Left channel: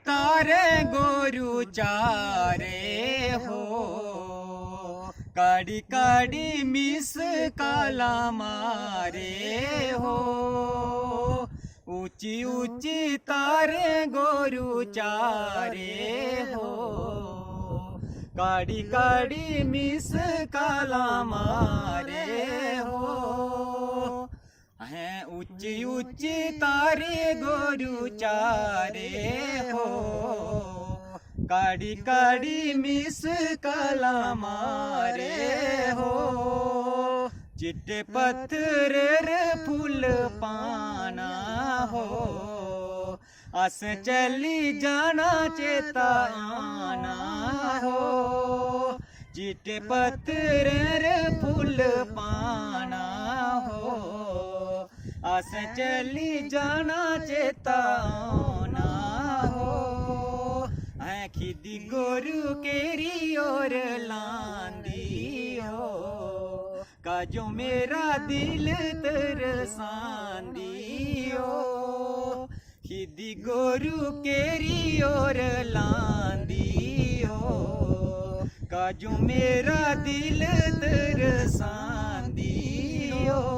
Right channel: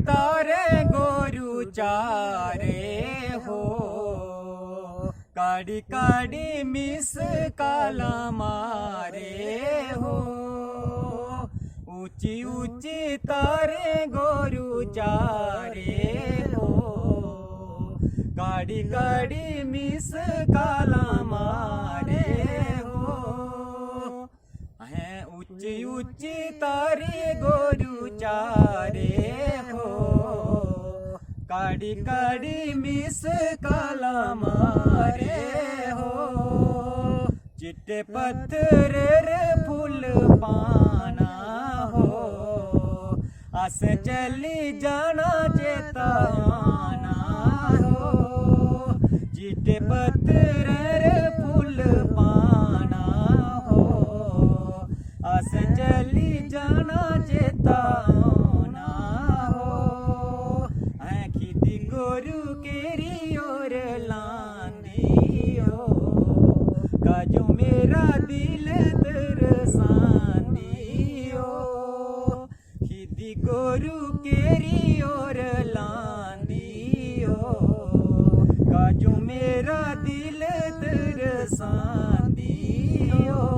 तारे गोरु चारे हो, काड़ी काड़ी मिस काला मारे हो। ऊंची ऊंची तारे गोरु चारे हो, काड़ी काड़ी मिस काला मारे हो। हैं ऊंची ऊंची तारे गोरु चारे हो, काड़ी काड़ी मिस काला मारे हो। चिट्टे पत्थर रे फूल पाना हो, अस चली जाना चेता आना हो। चिट्टे पत्थर रे फूल पाना हो, अस चली जाना चेता आना हो। खिदी गोरु केरी ओर लांदी हो, काजो मेरा दिल तरसांदी हो। खिदी गोरु केरी ओर लांदी हो, काजो मेरा दिल तरसांदी हो।